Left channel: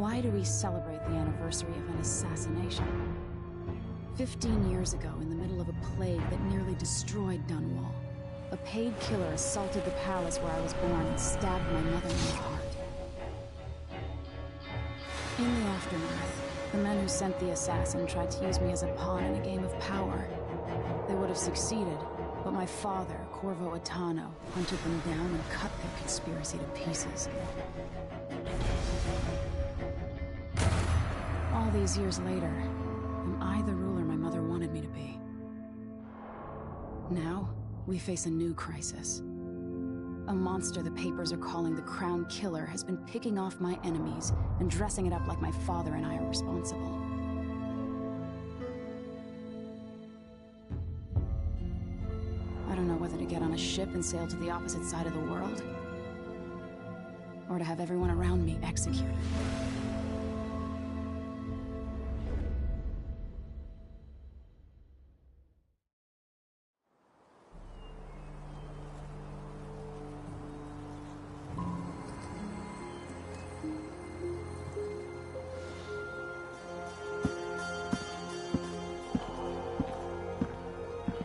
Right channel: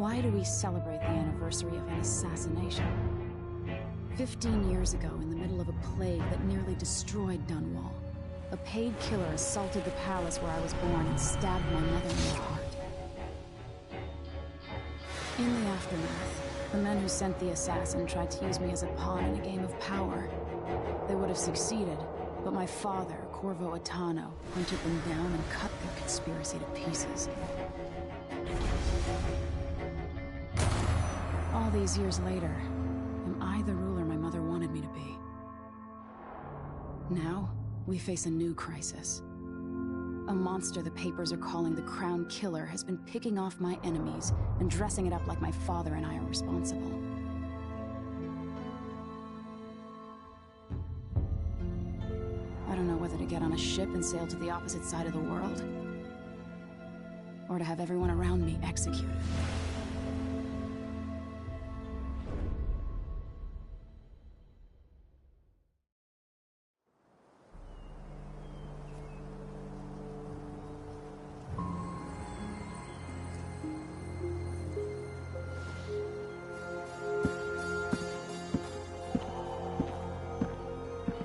Why do we celebrate the anniversary of an assassination? 15 years ago, in the middle of a plague that nearly destroyed Dunwall, a paid killer assaulted the palace where I was born and stabbed my mother in the heart. In the aftermath, the men who sent the assassin tried to use me as a pawn in a game of power. They would have succeeded, but my father, Corvo Attano, hunted them down and cut their conspiracy to pieces. All these years later, am I the ruler my mother wanted me to be? Now, we face a new crisis. A monster the papers are calling the Crown Killer has been picking off my enemies and dressing it up like my father and I are responsible. I don't know whether to get on a ship and sail to the opposite side of the world, or to have everyone around me executed.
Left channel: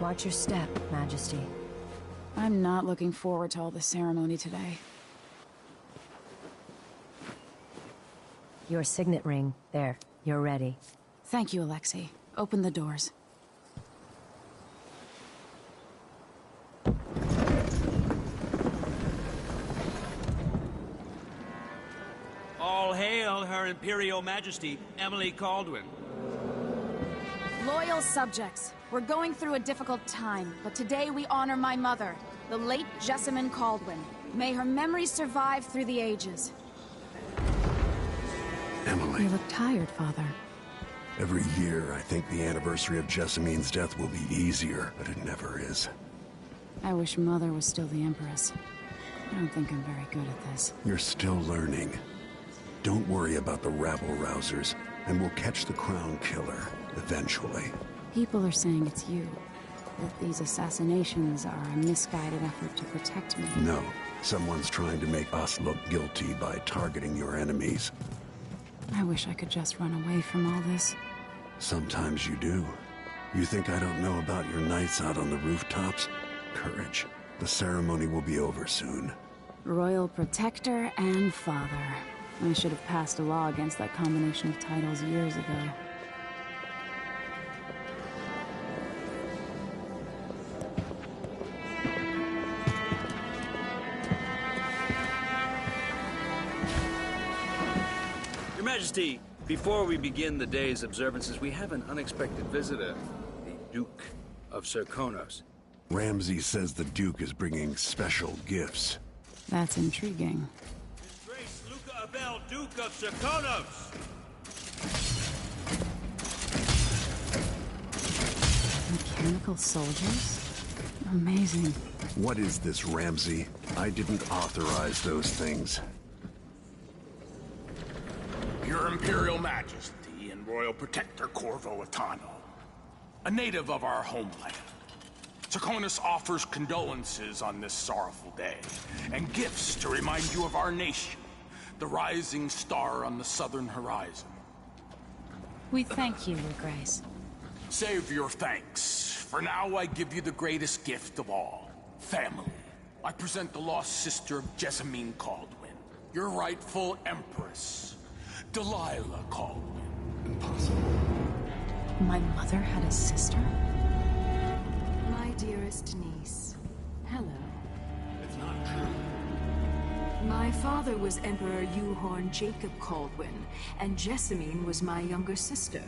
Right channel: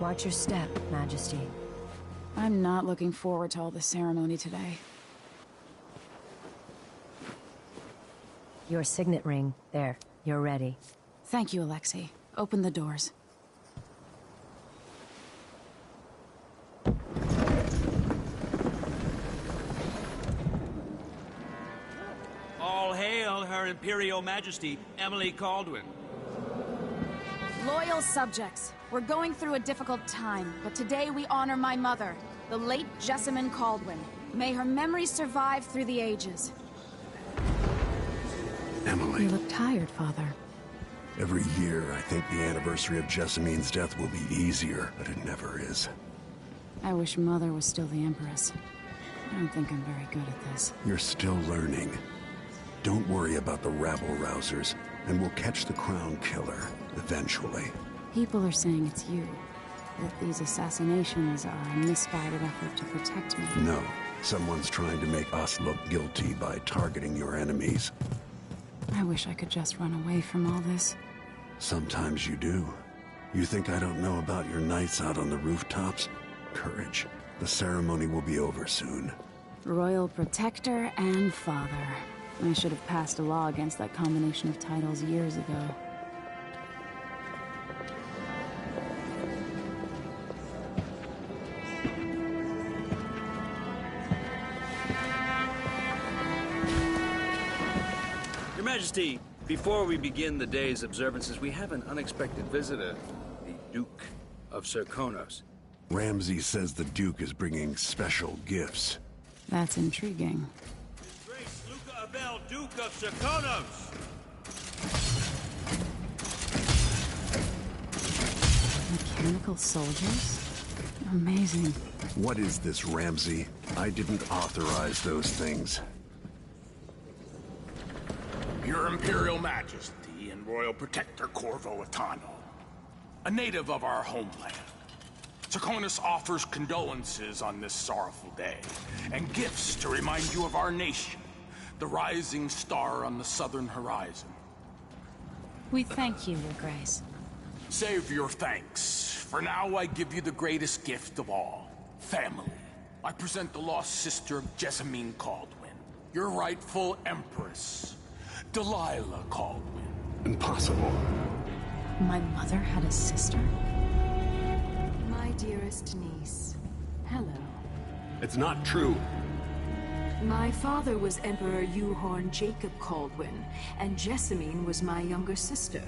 Watch your step, Majesty. I'm not looking forward to all the ceremony today. Your signet ring. There. You're ready. Thank you, Alexei. Open the doors. All hail Her Imperial Majesty, Emily Caldwin. Loyal subjects, we're going through a difficult time, but today we honor my mother, the late Jessamine Caldwin. May her memory survive through the ages. Emily. You look tired, Father. Every year, I think the anniversary of Jessamine's death will be easier, but it never is. I wish Mother was still the Empress. I don't think I'm very good at this. You're still learning. Don't worry about the rabble-rousers, and we'll catch the Crown Killer, eventually. People are saying it's you. That these assassinations are a misguided effort to protect me. No. Someone's trying to make us look guilty by targeting your enemies. I wish I could just run away from all this. Sometimes you do. You think I don't know about your nights out on the rooftops? Courage. The ceremony will be over soon. Royal Protector and Father. I should have passed a law against that combination of titles years ago. Your Majesty, before we begin the day's observances, we have an unexpected visitor, the Duke of Serkonos. Ramsay says the Duke is bringing special gifts. That's intriguing. His Grace Luca Abel, Duke of Serkonos! Mechanical soldiers? Amazing. What is this, Ramsay? I didn't authorize those things. Your Imperial Majesty and Royal Protector Corvo Attano, a native of our homeland. Serkonos offers condolences on this sorrowful day, and gifts to remind you of our nation, the rising star on the southern horizon. We thank you, Your Grace. Save your thanks. For now, I give you the greatest gift of all, family. I present the lost sister of Jessamine Caldwin, your rightful Empress, Delilah Caldwin. Impossible. My mother had a sister? My dearest niece, hello. It's not true. My father was Emperor Euhorn Jacob Caldwin, and Jessamine was my younger sister.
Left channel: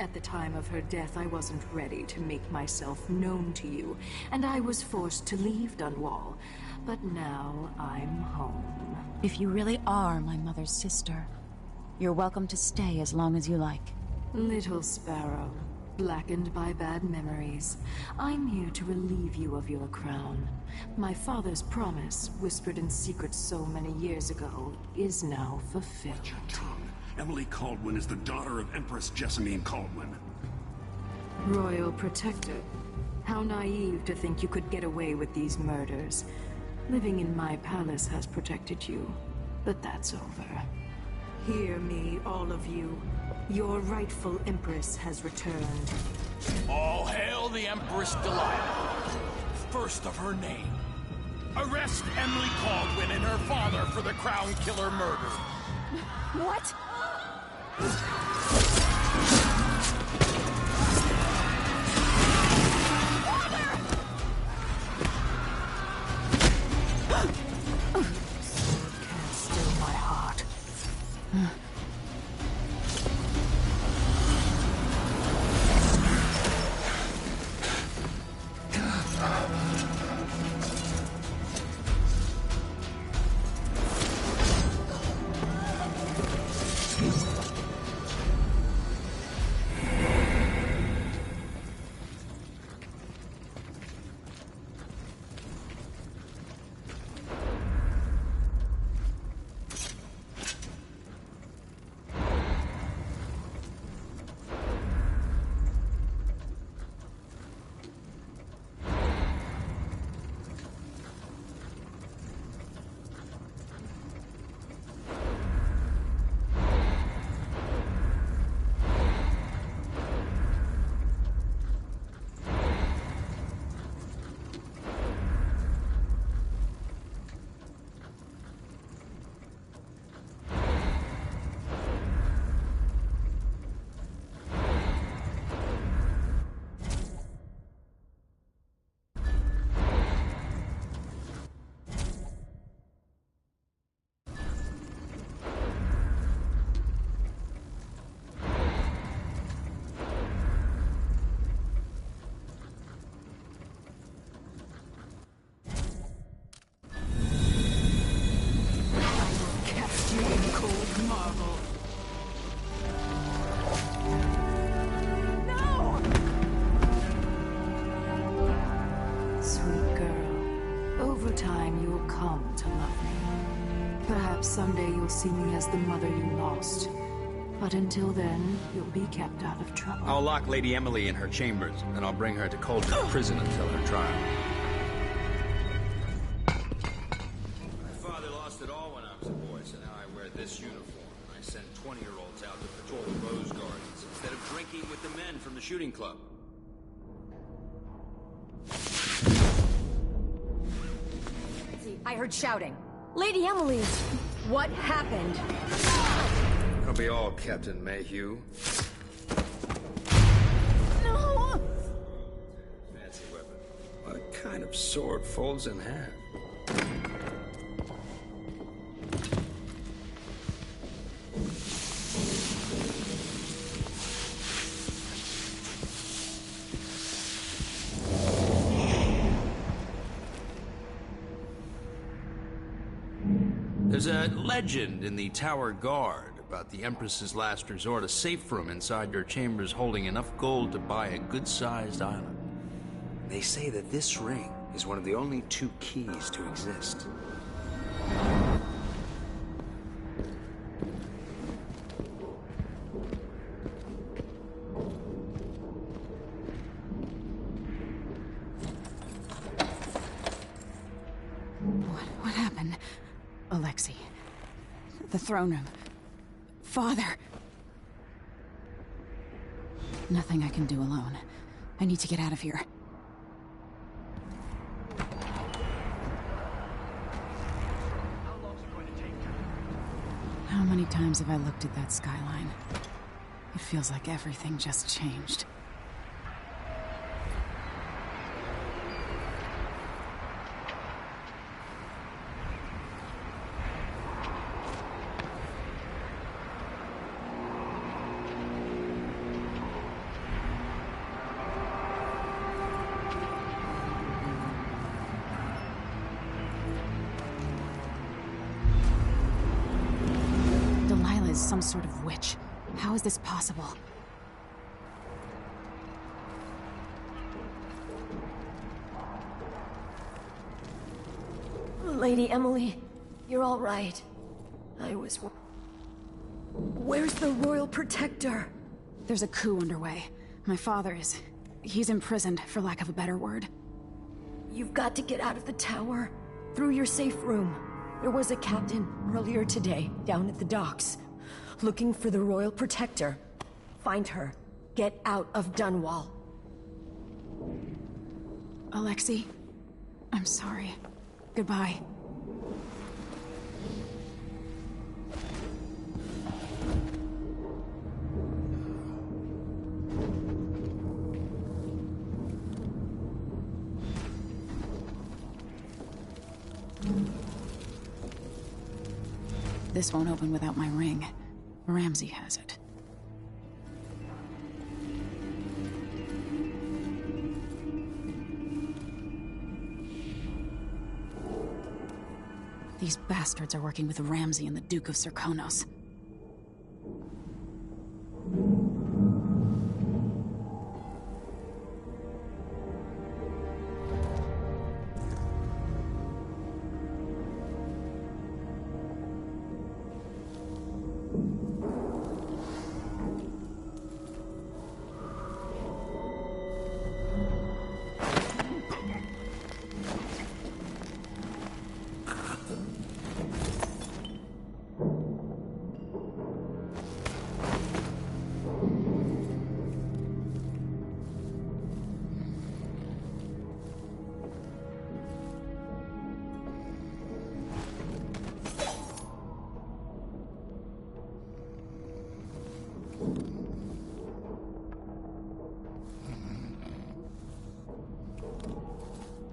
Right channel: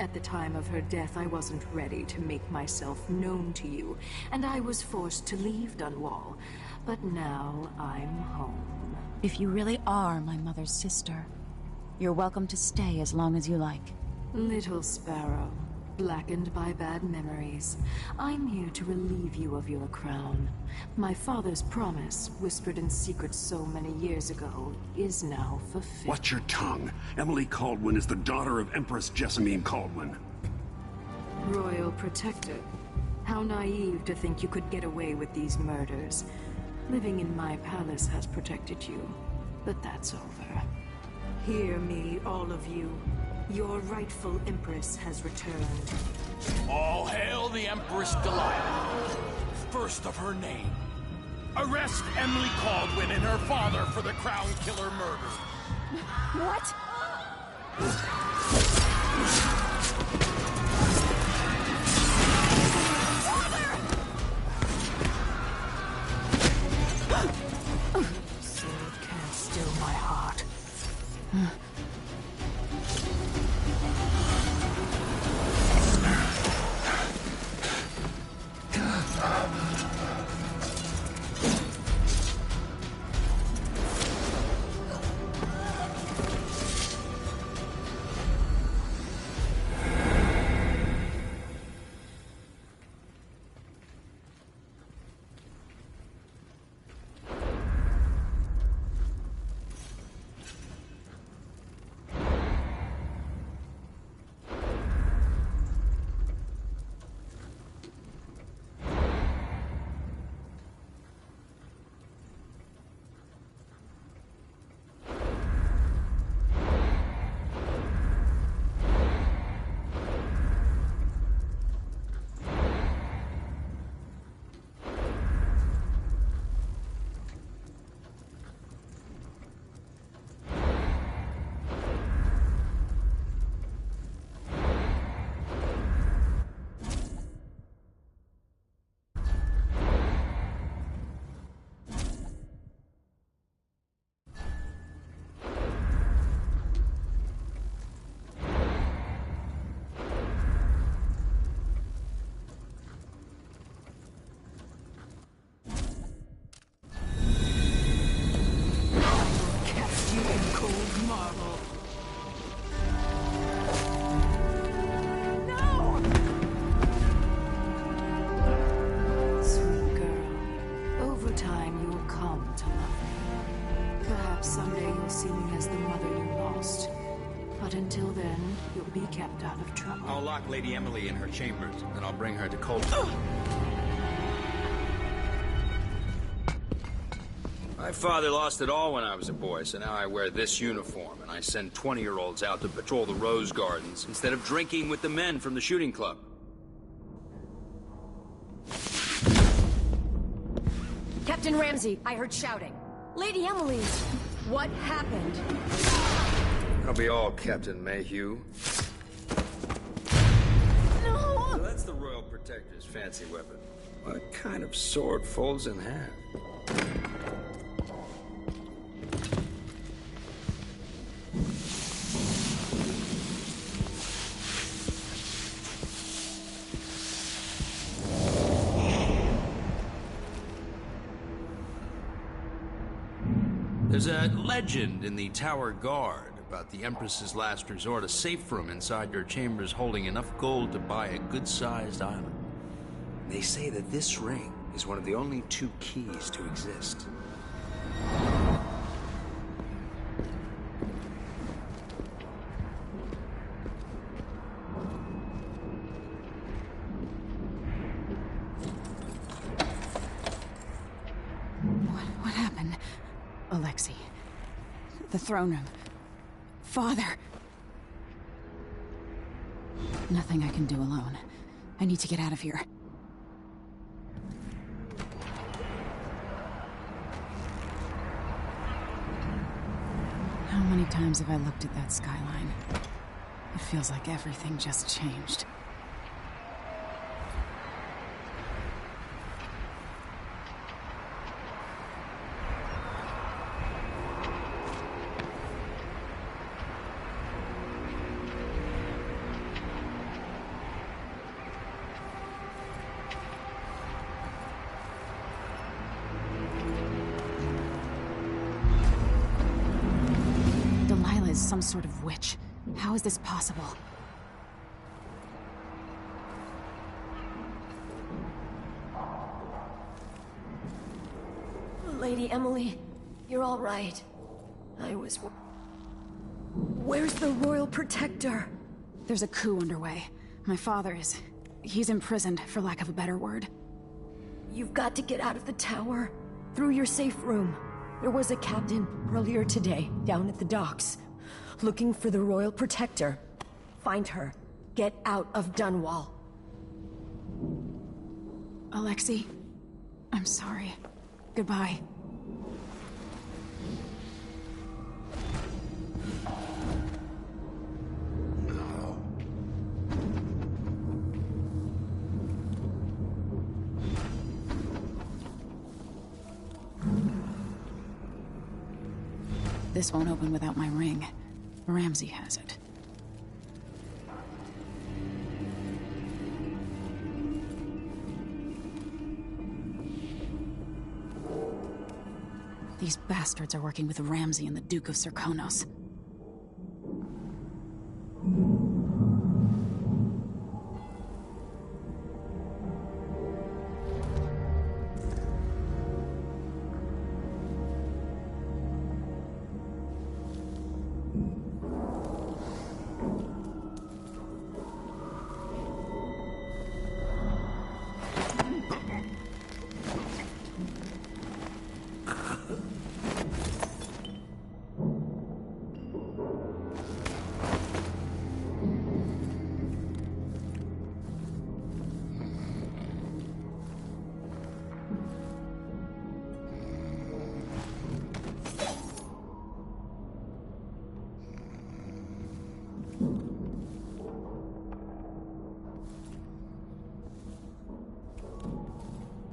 At the time of her death, I wasn't ready to make myself known to you, and I was forced to leave Dunwall. But now I'm home. If you really are my mother's sister, you're welcome to stay as long as you like. Little sparrow, blackened by bad memories, I'm here to relieve you of your crown. My father's promise, whispered in secret so many years ago, is now fulfilled. Watch your tongue. Emily Caldwin is the daughter of Empress Jessamine Caldwin. Royal Protector, how naive to think you could get away with these murders. Living in my palace has protected you, but that's over. Hear me, all of you. Your rightful Empress has returned. All hail the Empress Delilah, first of her name. Arrest Emily Caldwin and her father for the Crown Killer murder. What? Sword can't still my heart. You in cold marble. No! Sweet girl, over time you'll come to love me. Perhaps someday you'll see me as the mother you lost. But until then, you'll be kept out of trouble. I'll lock Lady Emily in her chambers, and I'll bring her to Coldstream Prison until her trial. My father lost it all when I was a boy, so now I wear this uniform, and I send 20-year-olds out to patrol the rose gardens instead of drinking with the men from the shooting club. Captain Ramsey, I heard shouting. Lady Emily, what happened? I'll be all Captain Mayhew. No! That's the Royal Protector's fancy weapon. What kind of sword folds in half? There's a legend in the Tower Guard about the Empress's last resort, a safe room inside your chambers holding enough gold to buy a good-sized island. They say that this ring is one of the only 2 keys to exist. What happened? Alexei. The throne room. Father. Nothing I can do alone. I need to get out of here. How many times have I looked at that skyline? It feels like everything just changed. Delilah is some sort of witch. How is this possible? Lady Emily, you're all right. Where's the Royal Protector? There's a coup underway. My father is... he's imprisoned, for lack of a better word. You've got to get out of the tower. Through your safe room. There was a captain earlier today, down at the docks. looking for the Royal Protector. Find her. Get out of Dunwall. Alexei, I'm sorry. Goodbye. This won't open without my ring. Ramsey has it. These bastards are working with Ramsey and the Duke of Serkonos.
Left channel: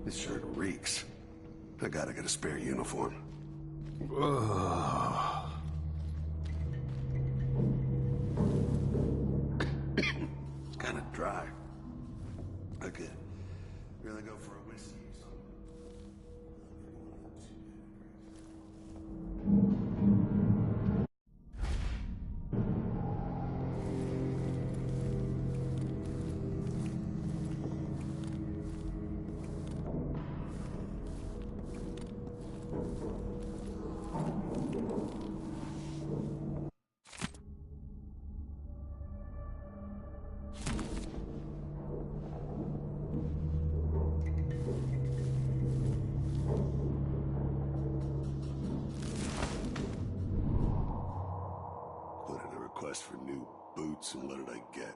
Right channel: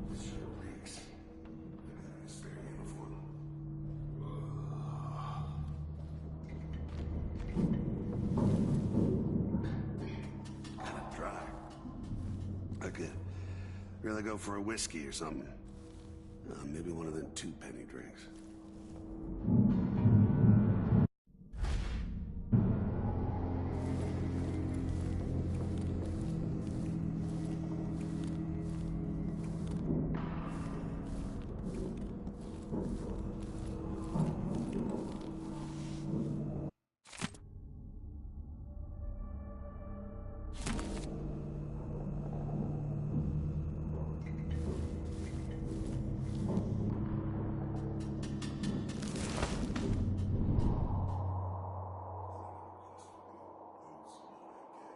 This shirt reeks. I gotta get a spare uniform. It's kinda dry. I could really go for a whiskey or something. Maybe one of them 2-penny drinks. For new boots, and what did I get?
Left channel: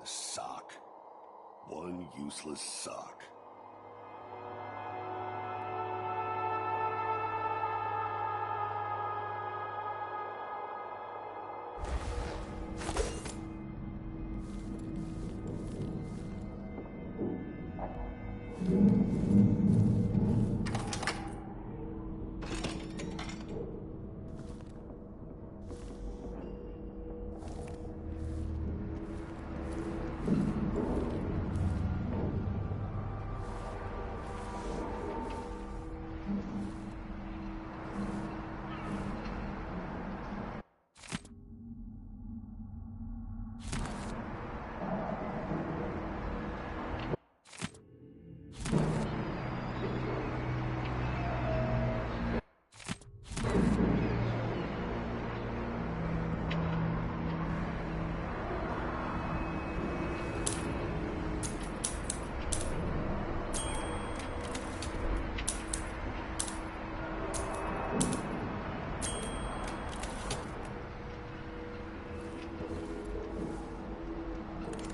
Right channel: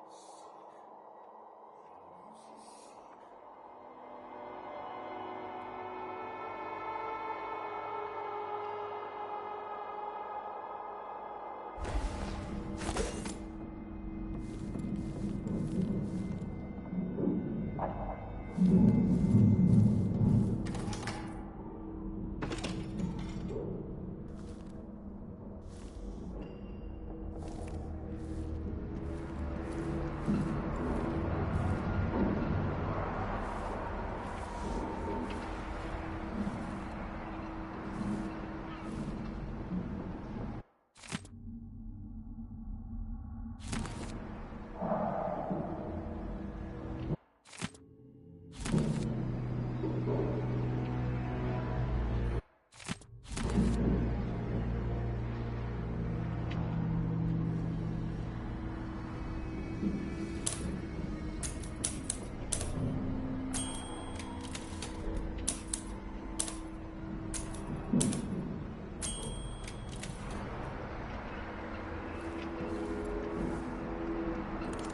A sock. One useless sock.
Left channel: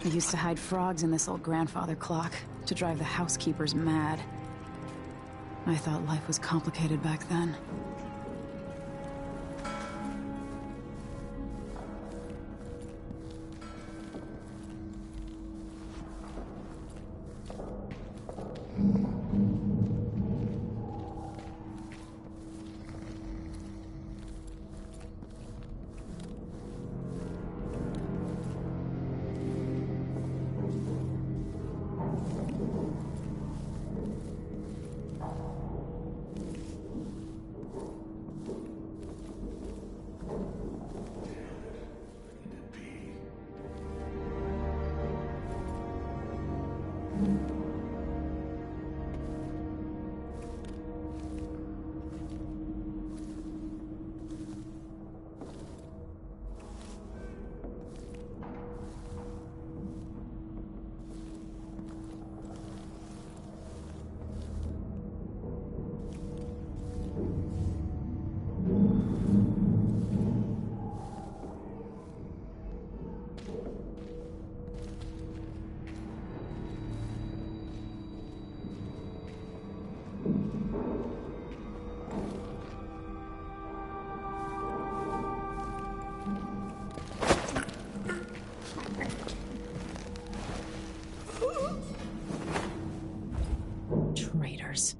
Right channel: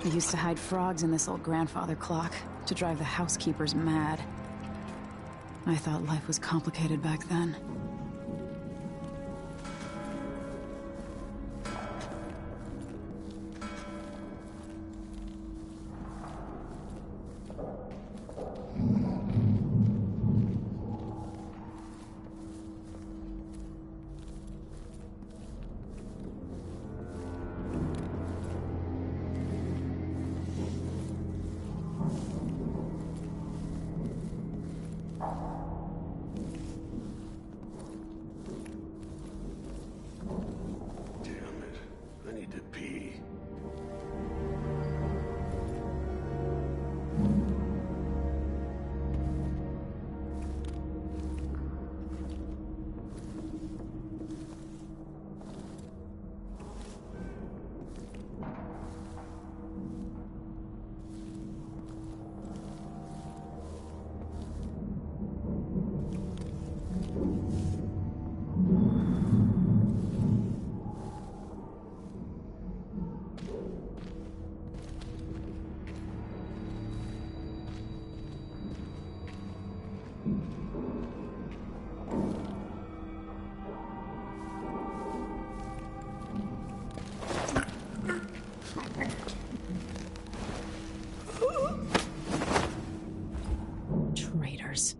I used to hide frogs in this old grandfather clock to drive the housekeepers mad. I thought life was complicated back then. years.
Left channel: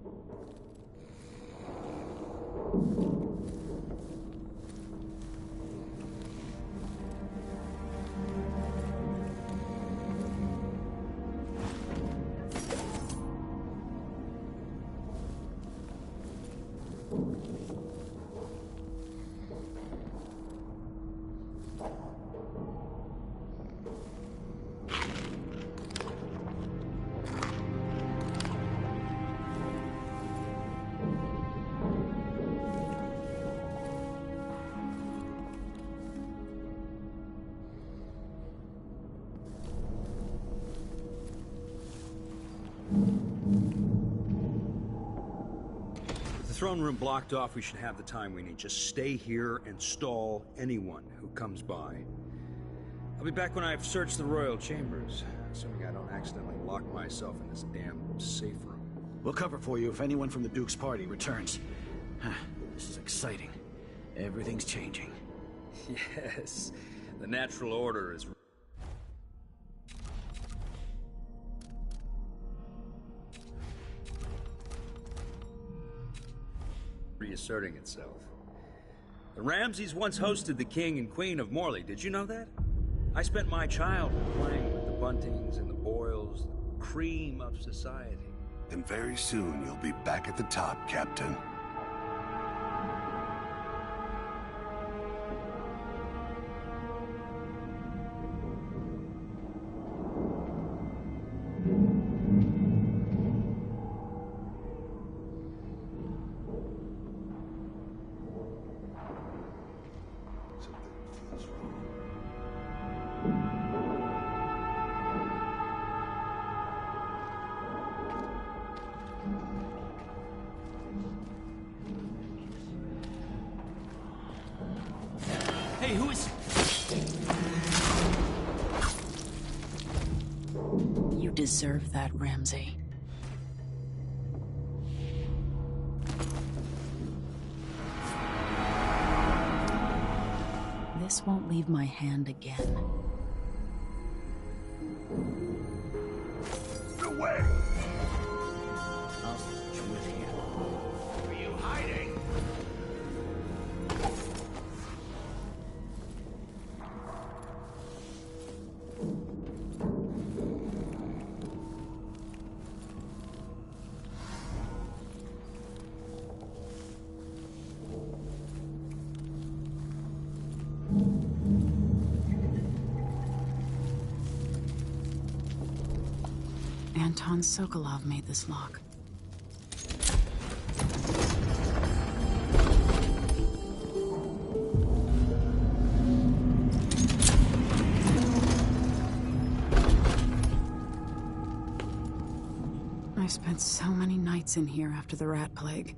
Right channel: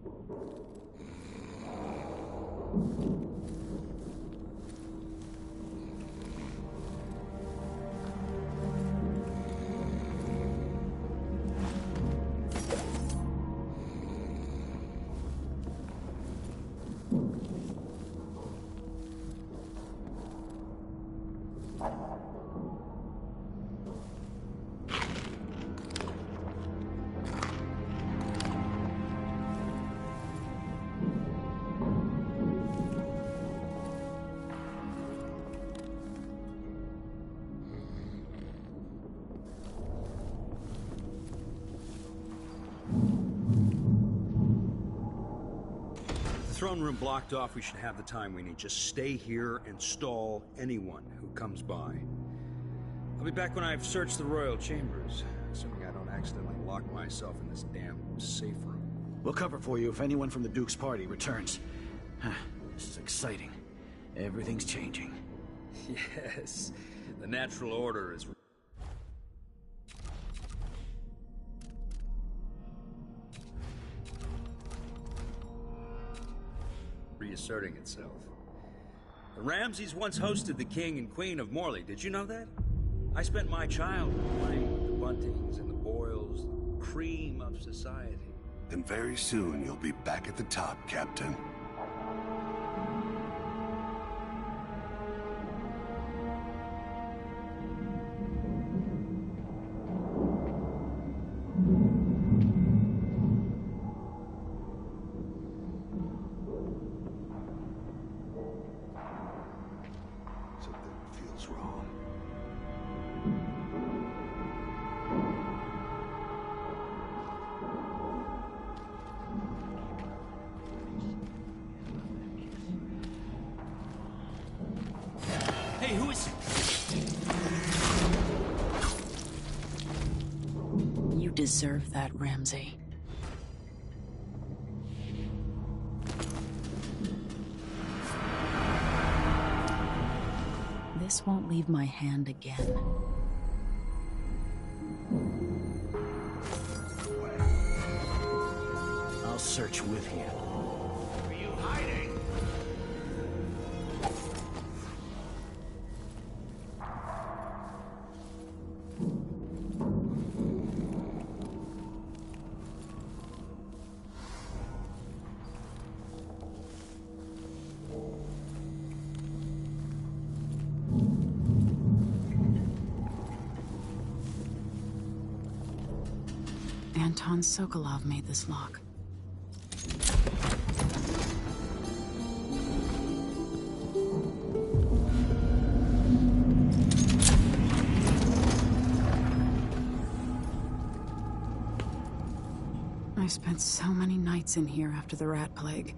Throne room blocked off, we should have the time we need. Just stay here and stall anyone who comes by. I'll be back when I've searched the royal chambers, assuming I don't accidentally lock myself in this damn safe room. We'll cover for you if anyone from the Duke's party returns. This is exciting. Everything's changing. Yes, the natural order is... reasserting itself. The Ramseys once hosted the King and Queen of Morley. Did you know that? I spent my childhood playing with the Buntings and the Boyles, the cream of society. And very soon you'll be back at the top, Captain. Hey, who is... You deserve that, Ramsey. This won't leave my hand again. Away. I'll search with you. Are you hiding? Anton Sokolov made this lock. I spent so many nights in here after the rat plague.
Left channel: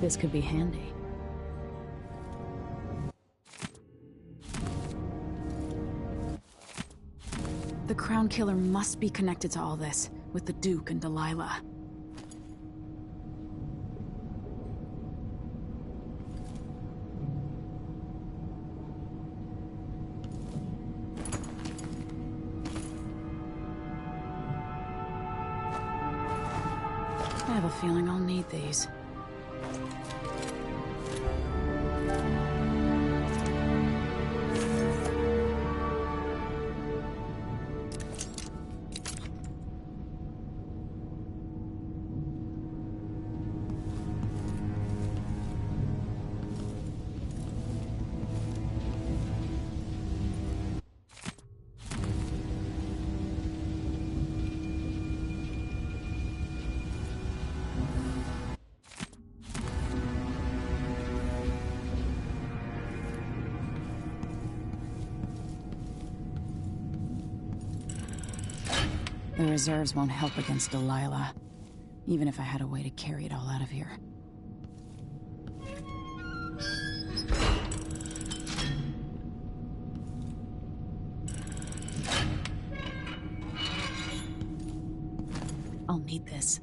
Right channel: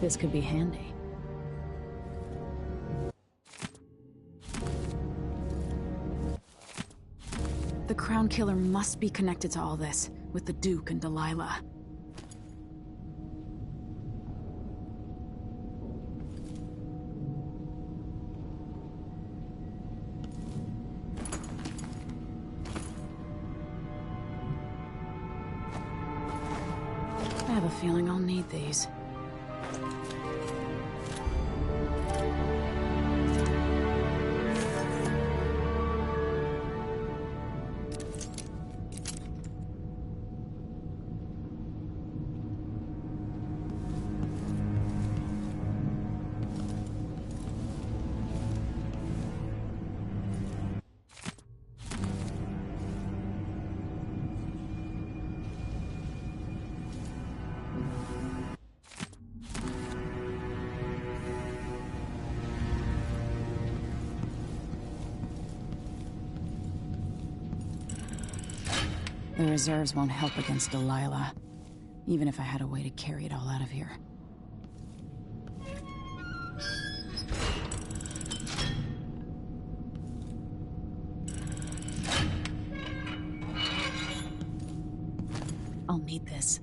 This could be handy. The Crown Killer must be connected to all this, with the Duke and Delilah. I have a feeling I'll need these. The reserves won't help against Delilah, even if I had a way to carry it all out of here. I'll need this.